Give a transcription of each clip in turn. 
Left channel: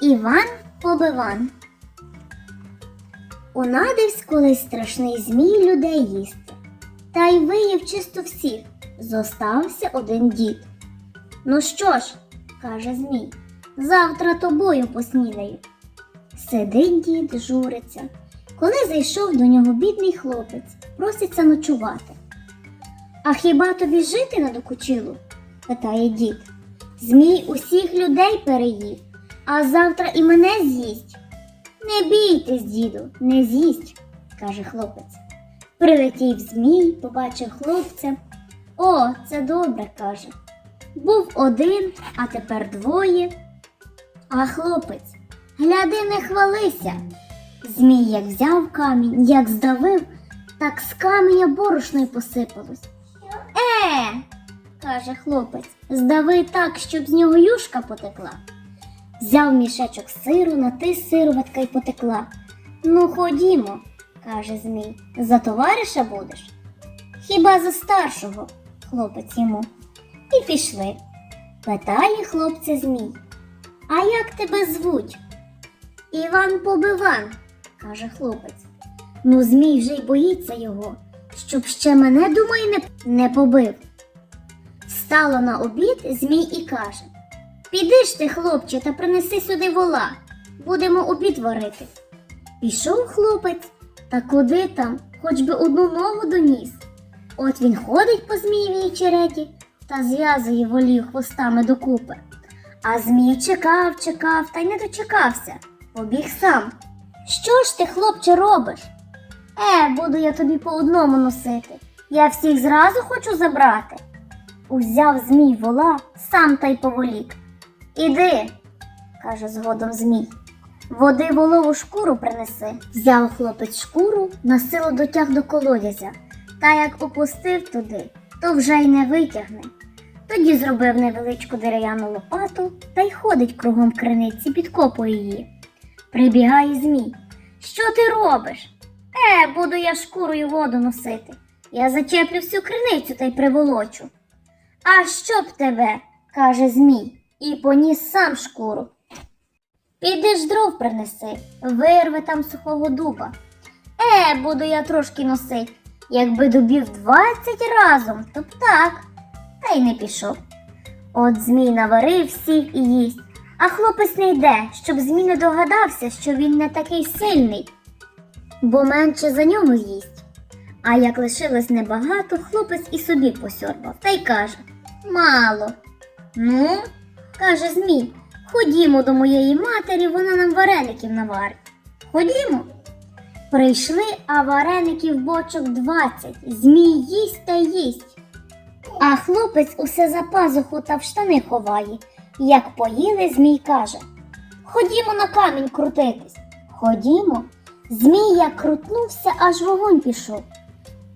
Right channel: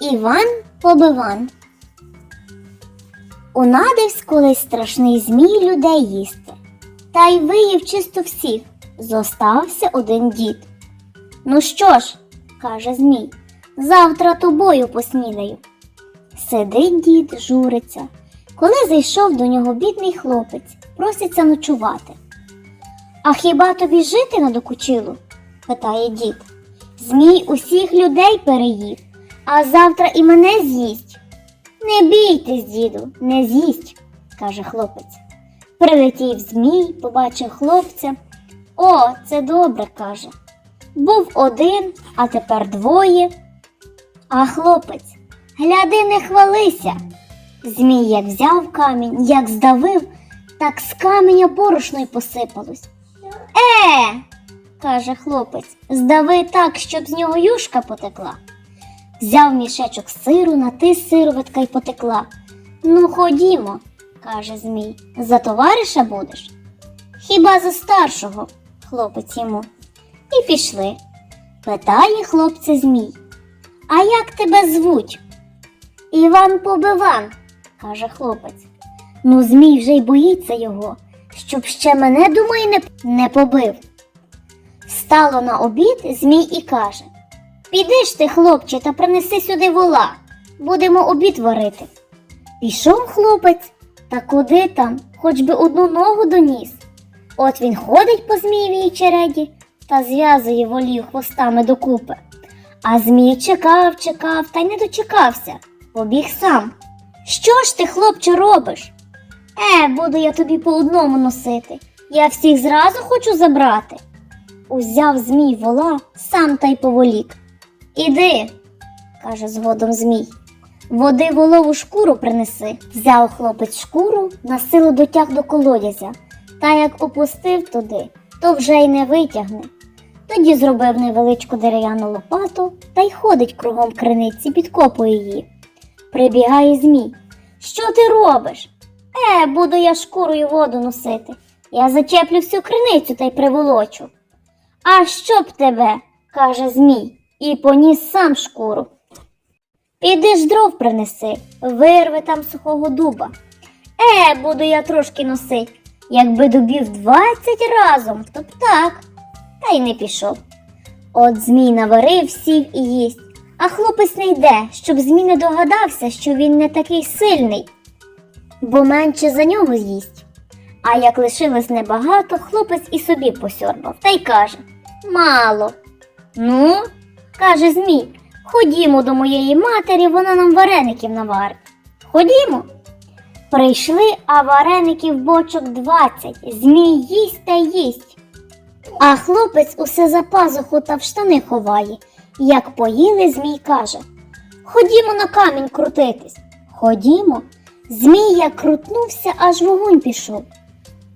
Іван Побиван. Унадивсь колись страшний змій людей їсти. Та й виїв чисто всіх. Зостався один дід. Ну що ж, каже Змій, завтра тобою поснідаю. Сидить дід, журиться. Коли зайшов до нього бідний хлопець, проситься ночувати. А хіба тобі жити надокучило? питає дід. Змій усіх людей переїв, а завтра і мене з'їсть. Не бійтесь, діду, не з'їсть, каже хлопець. Прилетів змій, побачив хлопця. О, це добре, каже. Був один, а тепер двоє. А хлопець, гляди, не хвалися. Змій як взяв камінь, як здавив, так з каменя борошно й посипалось. Е, каже хлопець, здави так, щоб з нього юшка потекла. Взяв мішечок сиру, натис сироватка й потекла. Ну, ходімо, каже Змій, за товариша будеш? Хіба за старшого, хлопець йому. І пішли. Питає хлопця Змій. А як тебе звуть? Іван Побиван, каже хлопець. Ну, Змій вже й боїться його, щоб ще мене, думає, не, не побив. Стало на обід Змій і каже: Піди ж ти, хлопче, та принеси сюди вола. Будемо обід варити. Пішов хлопець, та куди там, хоч би одну ногу доніс. От він ходить по змієвій череді та зв'язує волів хвостами докупи. А змій чекав, чекав та й не дочекався. Побіг сам. Що ж ти, хлопче, робиш? Е, буду я тобі по одному носити. Я всіх зразу хочу забрати. Узяв змій вола, сам та й поволік. Іди, каже згодом Змій. Води волову шкуру принеси. Взяв хлопець шкуру, на силу дотяг до колодязя, та як опустив туди, то вже й не витягне. Тоді зробив невеличку дерев'яну лопату та й ходить кругом криниці, підкопує її. Прибігає Змій. Що ти робиш? Е, буду я шкурою воду носити. Я зачеплю всю криницю та й приволочу. А щоб тебе, каже Змій, і поніс сам шкуру. Піди ж дров принеси, вирви там сухого дуба. Е, буду я трошки носить. Якби добів двадцять разом, то так. Та й не пішов. От Змій наварив, сів і їсть, а хлопець не йде, щоб Змій не догадався, що він не такий сильний, бо менше за нього їсть. А як лишилось небагато, хлопець і собі посьорбав та й каже Мало. Ну, каже Змій, ходімо до моєї матері, вона нам вареників наварить. Ходімо. Прийшли, а вареників бочок двадцять. Змій їсть та їсть. А хлопець усе за пазуху та в штани ховає. Як поїли, Змій каже Ходімо на камінь крутитись. Ходімо. Змій як крутнувся, аж вогонь пішов.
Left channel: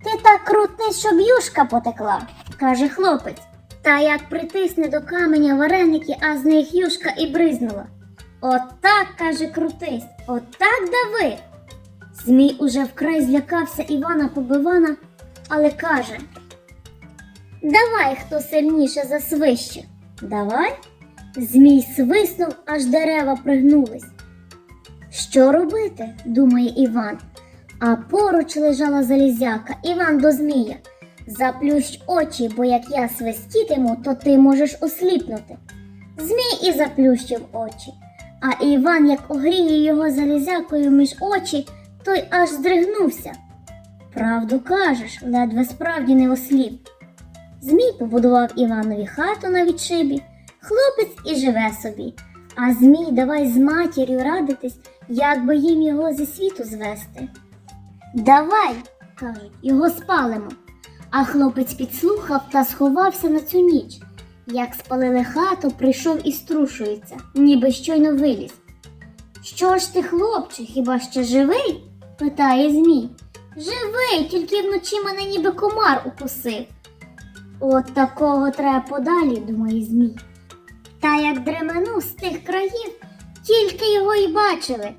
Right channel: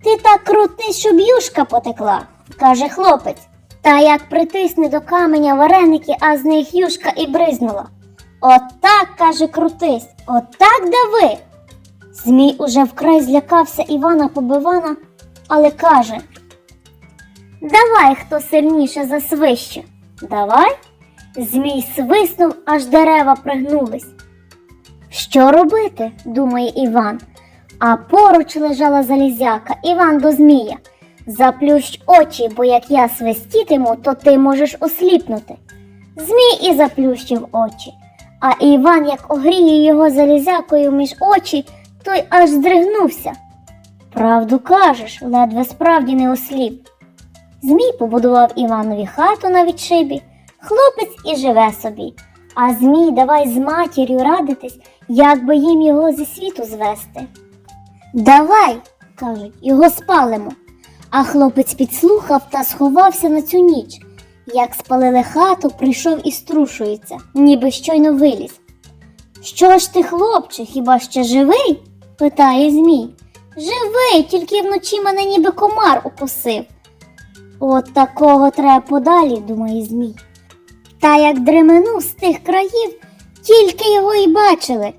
Ти так крутни, щоб юшка потекла, каже хлопець. Та як притисне до каменя вареники, а з них юшка і бризнула. Отак, каже, крутись, отак дави. Змій уже вкрай злякався Івана Побивана, але каже Давай, хто сильніше засвище. Давай. Змій свиснув, аж дерева пригнулись. Що робити? думає Іван. А поруч лежала залізяка, Іван до Змія. Заплющ очі, бо як я свистітиму, то ти можеш осліпнути. Змій і заплющив очі. А Іван, як огріє його залізякою між очі, той аж здригнувся. Правду кажеш, ледве справді не осліп. Змій побудував Іванові хату на відшибі, хлопець і живе собі. А Змій давай з матір'ю радитись, як би їм його зі світу звести. Давай, кажуть, його спалимо. А хлопець підслухав та сховався на цю ніч. Як спалили хату, прийшов і струшується, ніби щойно виліз. Що ж ти, хлопче, хіба ще живий? питає Змій. Живий, тільки вночі мене ніби комар укусив. От такого треба подалі, думає Змій. Та як дременув з тих країв, тільки його й бачили,